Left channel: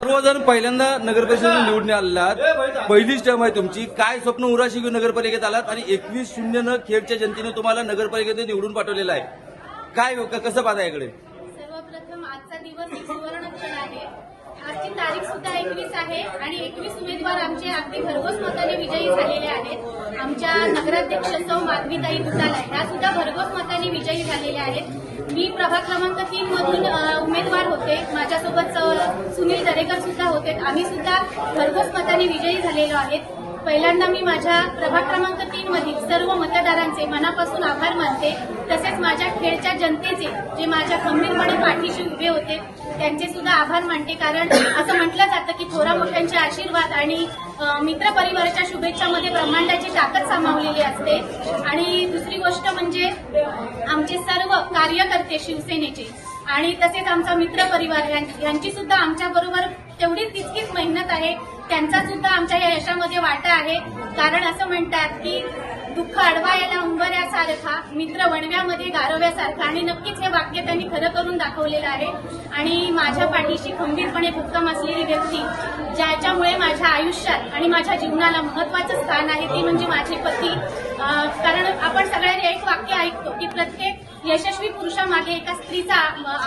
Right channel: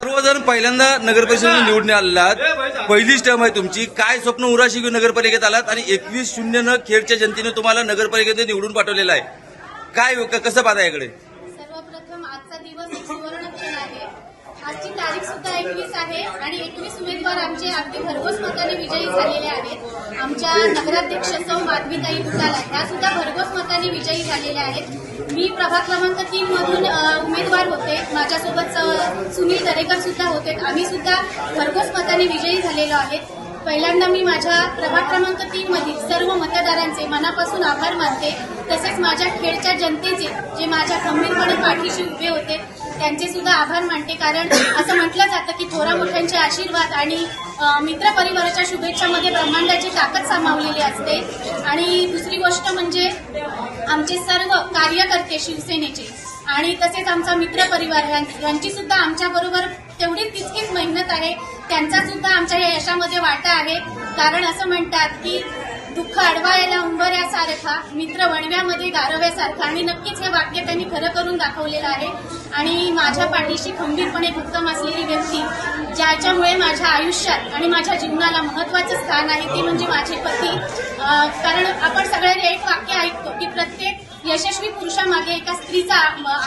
सर्वजण पहिल्यांदा नगर परिषदेने निवडून आलात पहिलीच टर्म आहे तुमची. काय स्वप्न उराशी घेऊन नगरपालिकेत आलात? आणि एकवीस शून्य न खेडच्या जनतेने तुम्हाला नगरपालिकेत निवडून पाठवलेलं आहे. काय कसं पाहता याकडे सर्वप्रथम आजचा दिवस एक सुवर्णक्षण आहे आजची तारीख सुद्धा एकवीस आहे आणि एकवीस उमेदवार आमचे अगदी भरघोस मताने विजयी झालेले आहेत. आमच्या नगराध्यक्ष सौ माधवीताई दुधाला ह्या सुद्धा भरघोस मताने विजयी झालेल्या आहेत. मी प्रभाग क्रमांक तीन मधून उमेदवार होते. माझ्यासोबत सुनील दरेकर सुद्धा होते. आम्ही सुद्धा भरघोस मताने विजयी झालेलो आहेत. पहिल्यांदा मी माझ्या प्रभाग क्रमांक तीन मधील सर्व मतदारांचे मनापासून आभार मानते. तसेच माझ्या खेडच्या जनतेचे जे माझ्या गंभीरपणे पाठीशी उभे होते त्यांचे सुद्धा आभार मानते कारण असं म्हटलं जातं की थोरा मोठ्यांचे आशीर्वाद आणि मित्रपरिवाराच्या मित्र परिवाराच्या शुभेच्छामध्ये ब्रह्मांडाची ताकद सामावलेली असते. आणि दुसरी गोष्ट म्हणजे आमचे सर्व कार्यकर्ते शिवसेनेचे आणि तसेच आमचा मित्र परिवार यां- यांची सुद्धा आमच्याबरोबर तेवढी तितकीच मेहनत आहे. त्यांचा सुद्धा आमच्या या यशामध्ये वाटा आहे. कारण असं म्हणतात की दुःख अडवायला उंबऱ्यासारखा मित्र वणव्यामध्ये गारव्यासारखा. आणि नक्कीच हे वाक्य त्यांनी खरं करून दाखवलेलं आहे. आणि माझ्या पाठीशी खंबीरपणे भक्कम असलेली व्यक्ती ज्याच्यामुळे माझ्या आयुष्यात आणि माझ्या जीवनाला महत्वाचं स्थान आहे ते म्हणजे माझे पती. कारण आपण सगळ्यांनी एक वाक्य ऐकतो की प्रत्येक यशस्वी पुरुषामागे एका स्त्रीचा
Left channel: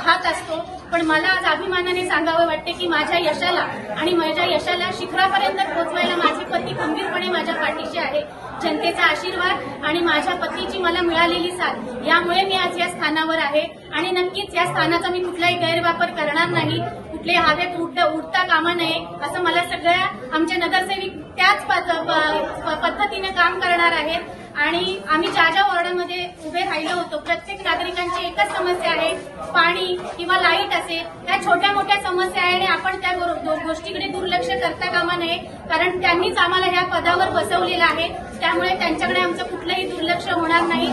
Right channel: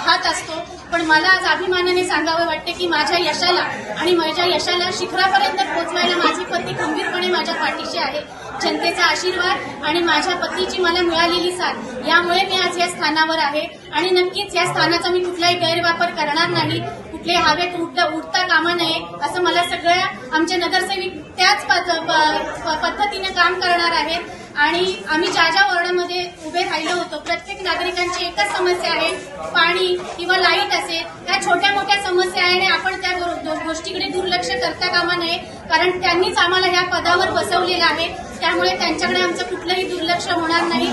हात असतो. पण मला आज अभिमानाने सांगावं वाटते की माझ्या यशाला आणि माझ्या यशाला शिखरापर्यंत पोहोचवायला माझे पती खंबीरपणे माझ्या पाठीशी आहे जनतेचा आशीर्वाद आणि माझ्या पतीची मला मिळालेली साथ. यामुळे मी आज या स्थानावर आहे. आणि नक्कीच या स्थानाचा मी कुठलाही गैरवापर करणार नाही. कुठले हवेत उडता उडता कामा नये असं मला सगळ्या आमचे नगरसेविक त्याच प- प- पद्धतीने काम करणार आहेत. आणि आम्ही ज्या ज्या वॉर्डामध्ये उभे राहिलो होतो प्रत्येक नागरिकांची एकच समस्या आहे पाणी किंवा लाइट ह्या छोट्या मोठ्या समस्या आहे आणि आपण त्या गो- गोष्टीकडे दुर्लक्ष करता कामा नये. कारण त्यांनीच आम्हाला ह्या पदावर बसवलेलं आहे. त्यामुळे त्यांच्याकडे आमचं कुठलंही दुर्लक्ष होणार नाही.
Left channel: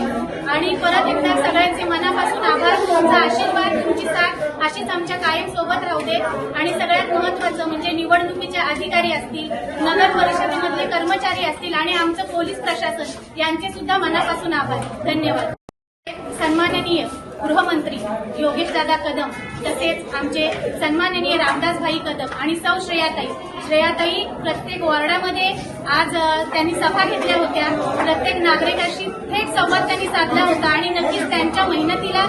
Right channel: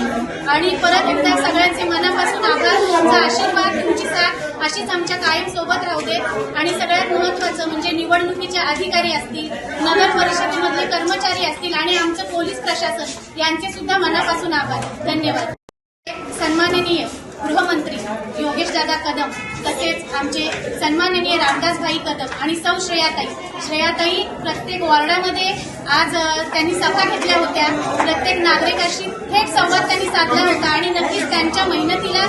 आणि परत एकदा सगळ्यांचे मनापासून आभार. तुमचा आशीर्वाद तुमची साथ अशीच आमच्या कायम सोबत राहू दे आणि सगळ्यात महत्वाचं म्हणजे निवडणुकीचे अधिकारी असतील नगर परिषदेमधले कर्मचारी असतील आणि आमचं पोलीस प्रशासन यांचे सुद्धा मनापासून आभार. धन्यवाद. सन्माननीय. गृहमंत्री योगेश दादा कदम तसेच आमचे सन्माननीय रामदासभाई कदम आणि सौ श्रेयाताई. श्रेयाताई प्रत्येक वॉर्डामध्ये आज त्यांनी सभा घेतल्या होत्या. प्रत्येक नागरिकाशी थेट संवाद त्यांनी साधला होता आणि नक्कीच त्यांच्या मेहनतीला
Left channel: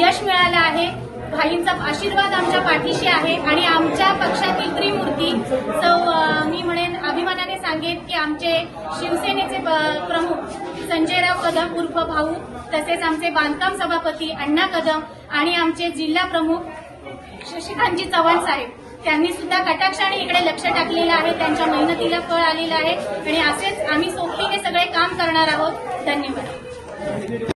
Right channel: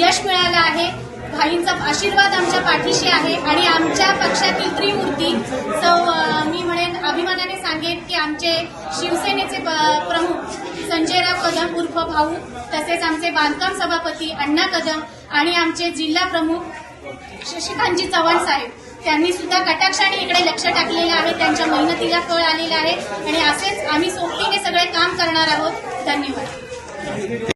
यश मिळालं आहे. भाईंचा आशीर्वाद आमच्या पाठीशी आहे आणि आमच्या पक्षातील त्रिमूर्ती सौ मी म्हणेन अभिमानाने सांगेन की आमचे शिवसेनेचे प्रमुख कदम उर्फ भाऊ तसेच आमचे बांधकाम सभापती अण्णा कदम आणि आमचे जिल्हा प्रमुख शशिकांतजी चव्हाण साहेब. त्यांनी सुद्धा कटाक्षाने इकडे लक्ष टाकलेलं आहे. त्यांच्या मेहनतीला फळ आलेलं आहे. आणि असेच आम्ही सोबतीने सगळे काम करणार आहोत. धन्यवाद.